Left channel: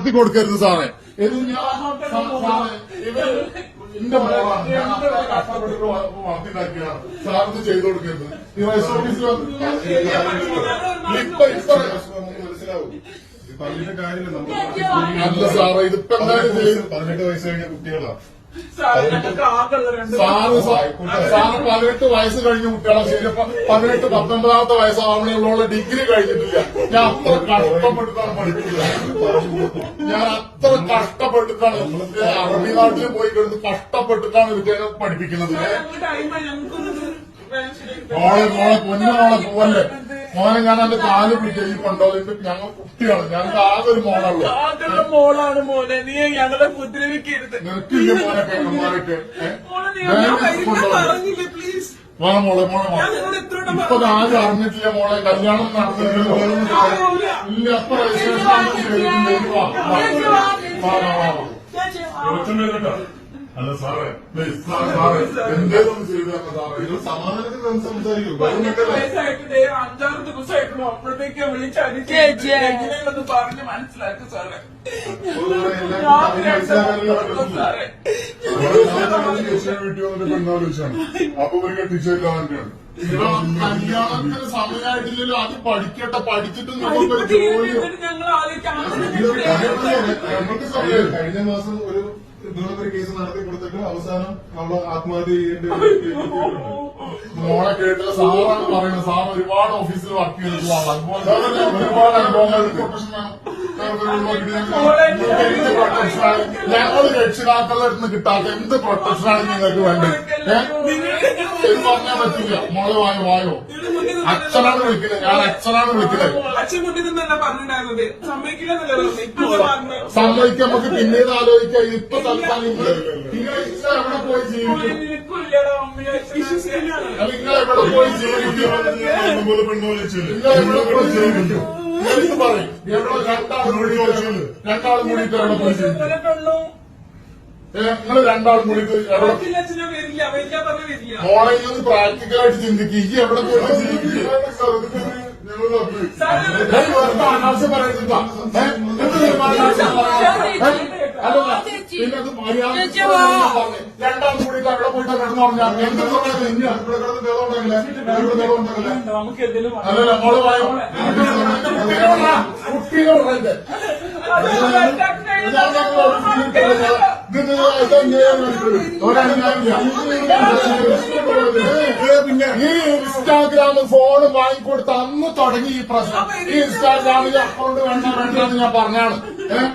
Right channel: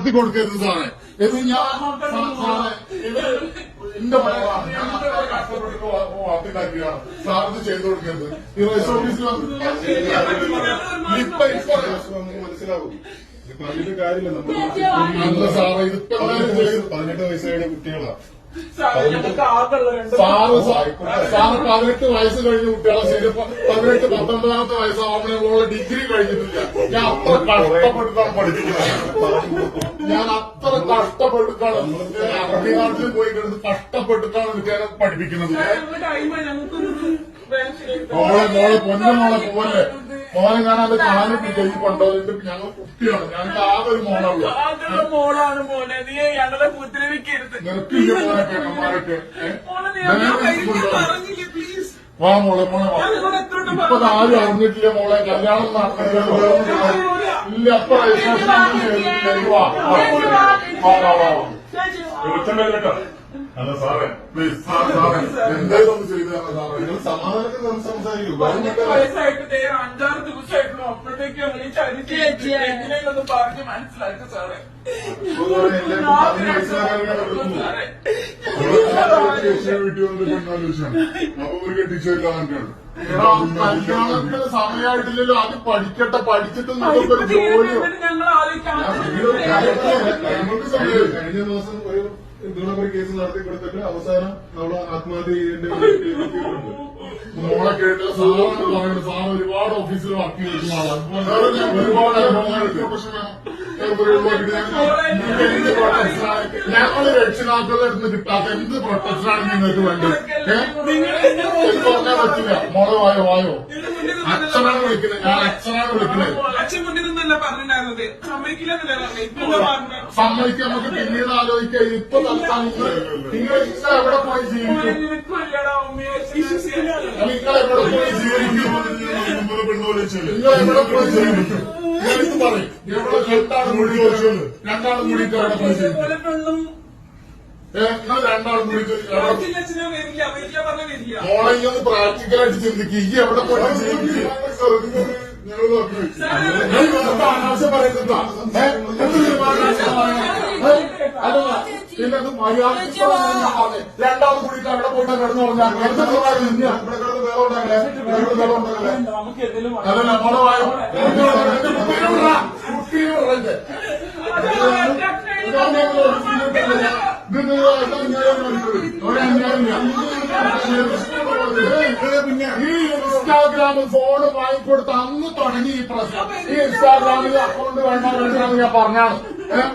നടത്തി കൊടുക്കരുത് സാറേ. ഇത് ഞാൻ സാറേ ഇവർ എന്റെ മോളാണ്. ഞാൻ അത്ര കഷ്ടപ്പെട്ട് വളർത്തിണ്ടാക്കിയാണ് സാർ ഇത് ചെയ്തു കൊടുക്കരുത്. ഈ റൈസ് ഓഫീസിൽ മനസ്സിലാവും. പറഞ്ഞിട്ട് കാര്യമില്ല. നമ്മൾ അല്ല സാറേ ഇതിപ്പോ പതിനെട്ട് വയസ്സ് കഴിഞ്ഞ കുട്ടികളാണ് സാറേ പതിനെട്ട് വയസ്സ് കഴിഞ്ഞ കുട്ടികളെ. ശരിയപ്പോ പതിനെട്ട് പത്തൊമ്പതാമത്തെ വയസ്സാവണയുള്ള ഡിഗ്രി കഴിഞ്ഞിട്ടില്ല. ഞാൻ അത്ര കഷ്ടപ്പെട്ടിട്ടാണ് പഠിപ്പിക്കുന്നത് ഞാൻ അത്ര കഷ്ടപ്പെട്ടിട്ടാണ് അറബി നാട്ടിൽ പോയി കിടന്ന് കഷ്ടപ്പെട്ടിട്ടാണ് വിദ്യാലയം പഠിപ്പിക്കുന്നത്. മോളെ മോളെ പൊന്നു മോളെ പോവല്ലേ? മോനെ ഞാൻ എന്റെ കാൽ പിടിച്ച ഈ കൊണ്ടോലിട്ട് ഞങ്ങൾ കുട്ടിയാണ്. ഞങ്ങൾക്ക് ആകെ ഒരു മോളാണ്. താങ്കളുടെ മോളാണ് മോനെ. നീ ഞങ്ങളെ ഉപദ്രവിക്കരുത് നിർത്തില്ല മോനെ വരില്ല പറഞ്ഞില്ലേ പ്ലീസ് വാ മോളെ മോളെ വാ. ഇപ്പൊ ആരും അറിഞ്ഞിട്ടില്ല മോളെ. കല്യാണം നടത്തില്ലല്ലോ ഇല്ല അപ്പൊ രജിസ്ട്രേഷൻ വാ വാ. വാ വാ വാ. അല്ല സാറേ പ്ലീസ് സാറേ സാറേ എന്തേലും ഒന്ന് ചെയ്തു തരണം സാറേ? നിങ്ങൾ സമാധാനത്തിൽ സം- സംസാരിക്കൂ. അഞ്ചാറ് ദിവസമായിട്ടുള്ളൂ. അപ്പോഴത്തേക്ക് വിളിച്ച് എങ്ങനെയൊന്ന് പറഞ്ഞ് മനസ്സിലാക്കി സാറേ. വീട്ടിൽ വന്നിട്ട് പെണ്ണാലോചിച്ചാണ് അപ്പൊ ഒരു കെട്ടിച്ചല്ലോ കല്യാണത്തിന് സമയമായിട്ടില്ലല്ലോ. അത് പഠിക്കട്ടെ പഠിച്ചിട്ട് നിങ്ങൾക്ക് ഒരു ജോലിയോ. എന്നിട്ട് ഞങ്ങൾ ആലോചിക്കാം. നമുക്ക് സമയം കഴിഞ്ഞ ദിവസം ഒരു കേസ് നടത്തി കൊടുത്തിട്ട് അവസാനം അവൾ ആത്മഹത്യ ചെയ്യേണ്ടി മോളെ കേട്ടില്ല സാറാണ് പറയുന്നത് സാർ ഒരുപാട് ഓഫീസിൽ വർക്ക് ആളാണ് ഞാൻ ഒരുപാട് അനുഭവങ്ങൾ ഞങ്ങൾ ഞങ്ങൾ- രക്ഷിതാക്കളുടെ അടുത്ത് കിട്ടാത്ത എന്ത് പ്രൊട്ടക്ഷനാണ് നിങ്ങൾക്ക് വേണ്ടത്? ഏഹ് പറഞ്ഞാൽ പറ്റില്ല. മോളെ വായോ വായോ. അച്ഛനാണ് വിളിക്കുന്നത്. ഞാൻ അച്ഛനാണ് വിളിക്കുന്നത്. സമ്മതിക്കാൻ നമുക്ക് പിന്നീട് ആലോചിക്കാം. ഇപ്പൊ തൽക്കാലം നിങ്ങൾ എവിടെ എവിടെ പോയി ജീവിക്കും. എവിടെ പോയി ജീവിക്കും. നിങ്ങൾ ഇത് പറയും. എവിടെ രണ്ടാളും കൂടി ചോദിച്ചത് രണ്ടാളും കൂടിയിട്ട് എവിടെ പോയി ജീവിക്കും. നിങ്ങൾ രണ്ടാളും കൂടിയിട്ട് എവിടെ ഈ ഒന്ന് പ്രാക്ടിക്കലായിട്ട് ചിന്തിക്കുക ഈ എവിടെ പോയിട്ട് ജീവിക്കും? വെറുതെ അനാവശ്യം ഏ? എന്ത് തീരുമാനം അനാവശ്യം പറയണം? ഏ? അല്ല പിന്നെ അത് മര്യാദ കൂടിയിട്ട് അവിടെ പോയിട്ട് കിടന്നു പറഞ്ഞാൽ ഇവിടെ കിടന്ന്? ഇവിടെ അല്ലല്ല മോൾ വായോ കാണിക്കുന്നത്. പിന്നെ ഈ ഇൻസ്റ്റാഗ്രാമിൽ ഫോൺ വാങ്ങിക്കൊടുത്ത് അന്ന് തുടങ്ങി ഈ പ്രശ്നം. ഈ ഇൻസ്റ്റാഗ്രാമിൽ അക്കൗണ്ട് വേണ്ട വേണ്ടെന്ന് ഞാൻ പറഞ്ഞാണ്. ഏഹ്